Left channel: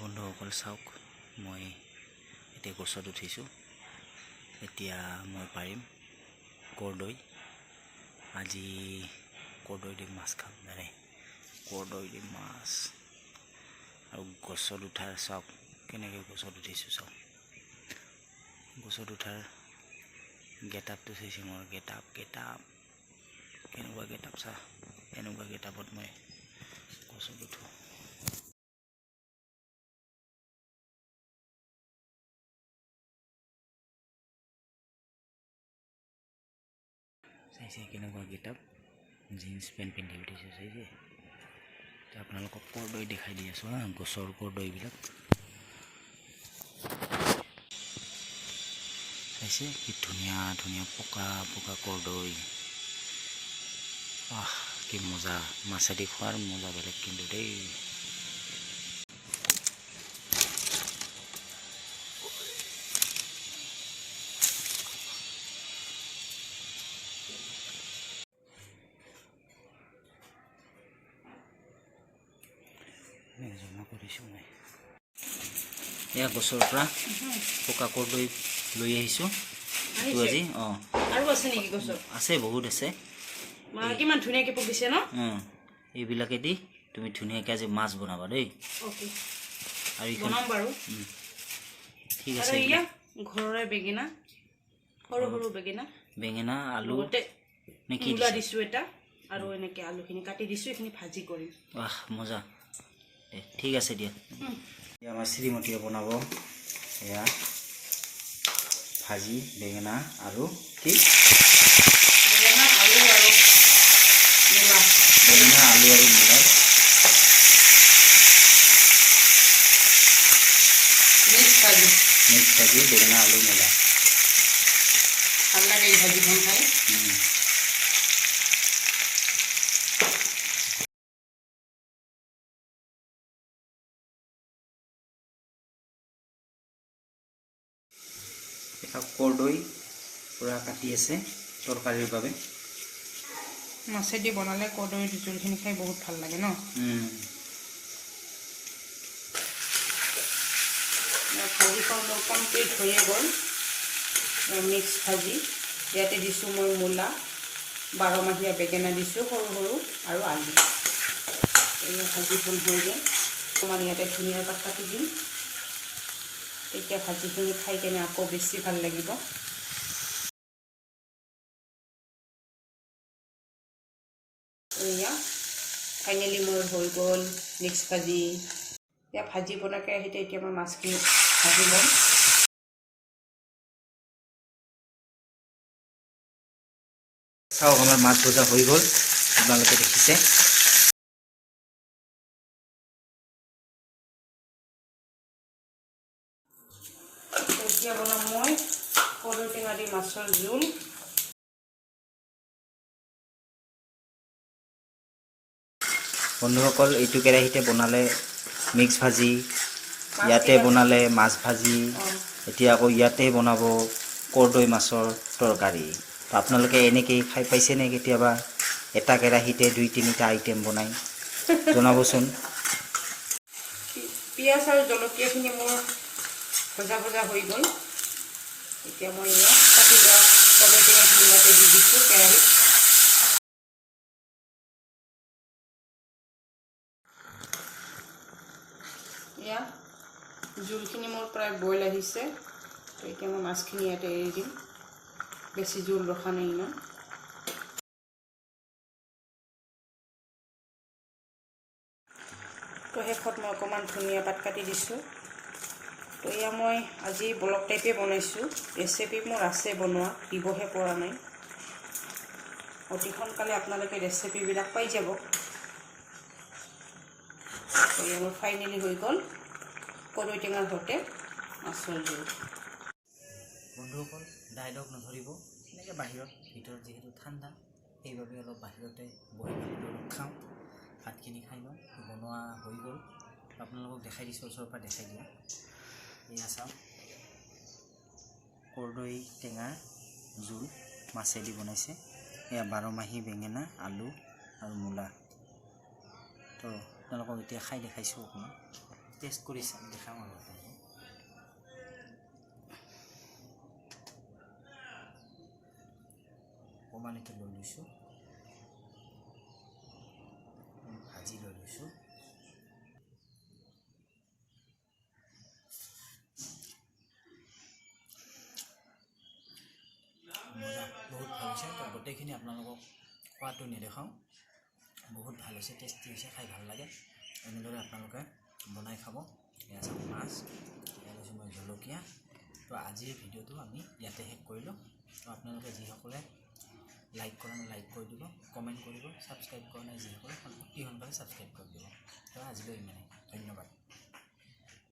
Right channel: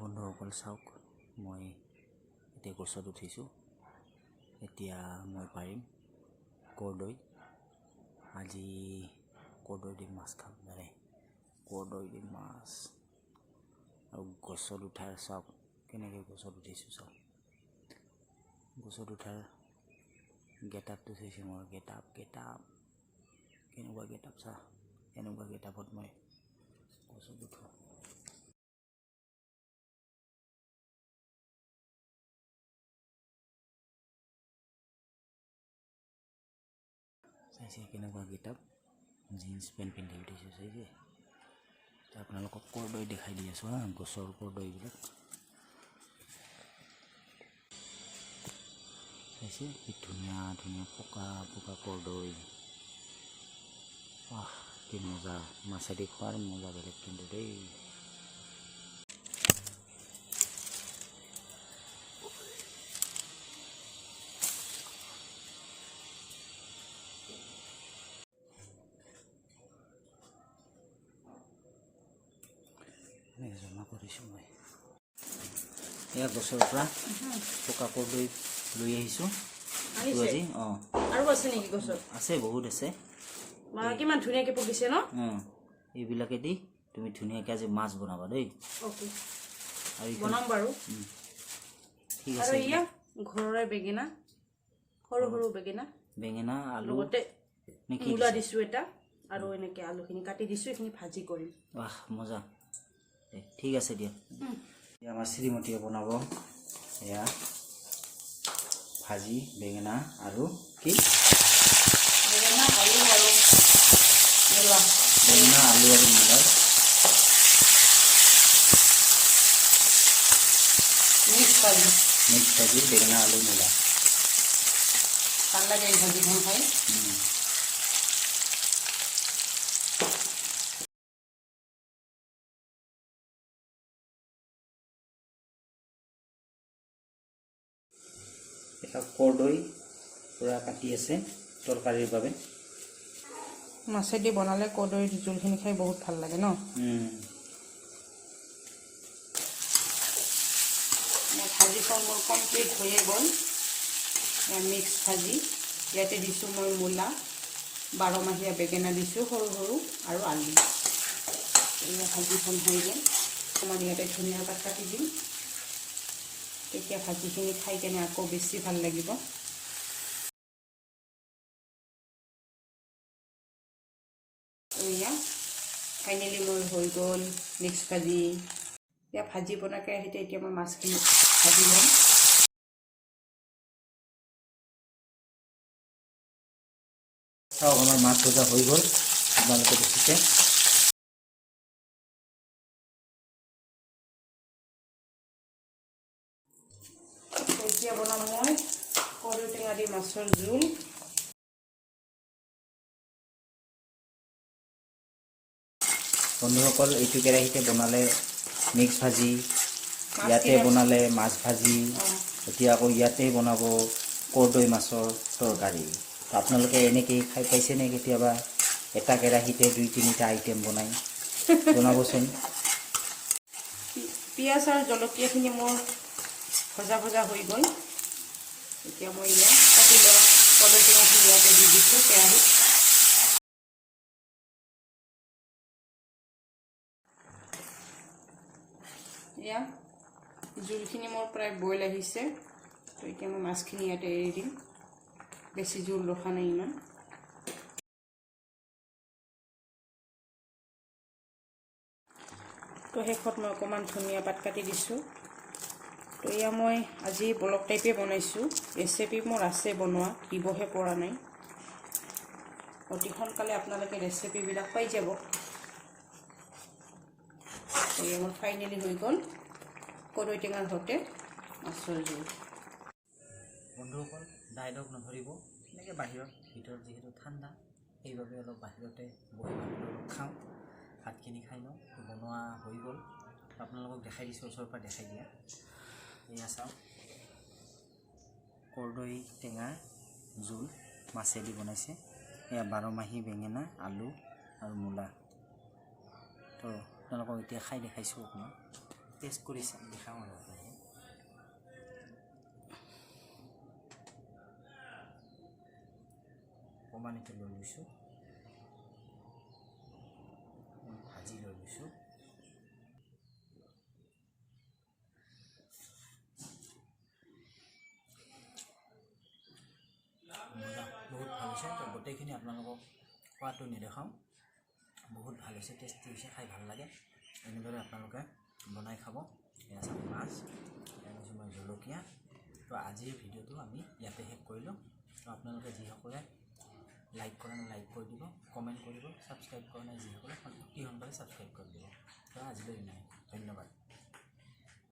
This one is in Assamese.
বন্ধুসকল চাওক, মই এতিয়া গছত উঠিছোঁ। এতিয়া মই পাৰিম কৰ্দৈ। আজি কৰ্দৈ দি মাছ খাম জানে, কৰ্দৈ দি মাছ। আৰু গছত উঠাৰ চাওক কেনেকৈ গছত উঠিছোঁ। চাওক গছত উঠাৰ গেটআপটো চাইছে মোৰ। গেটআপ কেনেকুৱা গেটআপ চা। এনেকুৱা গেটআপত মই গছত উঠোঁ। চাইছে কেনেকুৱা গেটআপ, জিন্স পেণ্ট পিন্ধি উঠিছোঁ চাইছে। আপোনালোকক কৰ্দৈ দেখাই দি আছোঁ হা, গছৰ কৰ্দৈবিলাক চাইছে কি ধুনীয়া ধুনীয়া পকা পকা কৰ্দৈ। কি মজা, মাছেদি খোৱাৰ মজা বেলেগ কিন্তু দেই। জমা কৰিছোঁ মই। এয়া গছৰ পৰা পকা কৰ্দৈ লৈ আহিছোঁ আজি। আৰু আছে নেকি গছত? আছে, বহুত আছে। কিমান ধুনীয়াকৈ পকিছে ন? এইবিলাকেদি তুমি ধুনীয়াকৈ আজি মাছ বনাবা দেই। আৰু বনাম বাৰু। ঠিক আছে। ঘৰৰে বেঙেনা, সৰু সৰু বেঙেনা আলু লগতে নেকি মূলা দিছোঁ এটা, আৰু এনেকৈ আলুখিনি কাটি দিছোঁ, এইখিনি ভাজি কৰিম। মজা। ঠিক আছে দিয়া। আমাৰ শ্ৰীমতীয়ে বনাব এয়া ভাজি বেঙেনা আৰু কি বেঙেনা, আলু আৰু মূলা মিক্স ভাজি বেঙেনা আলু মূলা। ভাল লাগে এই ভাজিখন খাই। কৰ্দৈ পূৰা কাটি আছে তৰকাৰীৰ বাবে। মাছেদি বনালে কৰ্দৈৰ জোলখিনি খাই বহুত ভাল লাগে ন। ভাজিখন মোৰ কমপ্লিট হৈয়ে গ'ল। মিক্স ভাজি ইয়াতে দিছোঁ মই মূলা, 12 মাহীয়া বেঙেনা দিছোঁ সৰু সৰু, আৰু আলু। এই ভাজিখন হৈ গ'ল। অকণমান ইয়াতে ধনিয়াৰ পাত কাটি দিম, তেতিয়া ভাজিখিনি খাই কেনে আকৌ বেছি ভাল লাগিব। এয়া ফাইনেলি মোৰ হৈ গ'ল মিক্স ভাজি। এতিয়া ভাজি বনাই কেৰাহীতে এতিয়া মই মাছখিনি ভাজি ল'ম। চাওক আমাৰ মাছ ভজা হৈ গ'ল, আপোনালোকে দেখিছে। এতিয়া বনাম মই কৰ্দৈ টেঙা দি মাছৰ জোল। বন্ধুসকল, এইটো কেৰাহীতে বনালে মিক্স ভাজি, ইয়াতে বনালে মাছ ভাজি, এতিয়া আকৌ ইয়াতে বনাব কৰ্দৈ মাছৰ তৰকাৰী। তো আপোনালোকে এনেকৈ খাই পাইছেনে কেতিয়াবা? এটা কেৰাহীতে 2-3টা আইটেম বনাই জনাবচোন। পিঁয়াজ আৰু জলকীয়াখিনি মোৰ ভজা হৈ গ'ল। এতিয়া মই কাটি লোৱা কৰ্দৈ টেঙাখিনি ইয়াতে দি দিছোঁ কেৰাহীত। এয়া জোলখিনি মোৰ প্ৰায় বইল আহিছে, তো এতিয়া মই মাছখিনি ইয়াতে এৰি দিম। বেছি জোল ৰখা নাই ইমান। তো শেষত মই অকণমান ধনিয়া পাত কাটি দিছোঁ। তো এয়া মই আজি ব্লগ টাইপে বনাইছোঁ। ৰেচিপি মোৰ আছে বনোৱা, দিবহে পৰা নাই। অতি সোনকালে আপোনালোকে ৰেচিপিবিলাক পাই যাব। তো এয়া মোৰ ফাইনেলি হৈ গ'ল কৰ্দৈ টেঙাৰ সৈতে মাছৰ জোল। বন্ধুসকল, ডাইলগ নধৰিব, এনেকৈ বাহিৰত, ভিতৰত যিহেতু ঠাণ্ডা, সেইবাবে অলপ বাহিৰতে বহি অলপ খাওঁ। ভাতখিনি খাই লওঁ। বনোৱা হৈ গ'ল, আপোনালোকক দেখাই দিছোঁ, ওচৰৰ পৰা দেখাই দিয়া। এয়া চাওক, কৰ্দৈ টেঙাৰ জোল মাছেদি বনাইছে। এয়া 12 মাহী বেঙেনা, আলু আৰু মূলা। তো আপোনালোকক এতিয়া খাই দেখাইছোঁ অকণমান। টেষ্ট কৰি দেখাওঁ আৰু আপোনালোকক অকণমান এইটো লৈ লৈছোঁ ভাজি লৈ লৈছোঁ মজা বহুত ভাল হৈছে তো গোটেইখিনি আপোনালোকক খোৱাটো নেদেখাওঁ বহুত ভাল হৈছে টেষ্টি হৈছে খাই ভাল লাগে এনেদৰে আপোনালোকে বনাই খাব এয়া চাওক মাছ এয়া লৈছোঁ মই জলকীয়া তো আজিৰ ভিডিঅ'টো আমি ইয়াতে শেষ কৰিলোঁ তো আপোনালোকে যিসকলে লাইক কৰা নাই লাইক কৰি দিব কমেণ্ট কৰিব ছাবস্ক্ৰাইব কৰা নাই যিসকলে অতি সোনকালে ছাবস্ক্ৰাইব কৰি দিব তো আজিলৈ ইমানেই ধন্যবাদ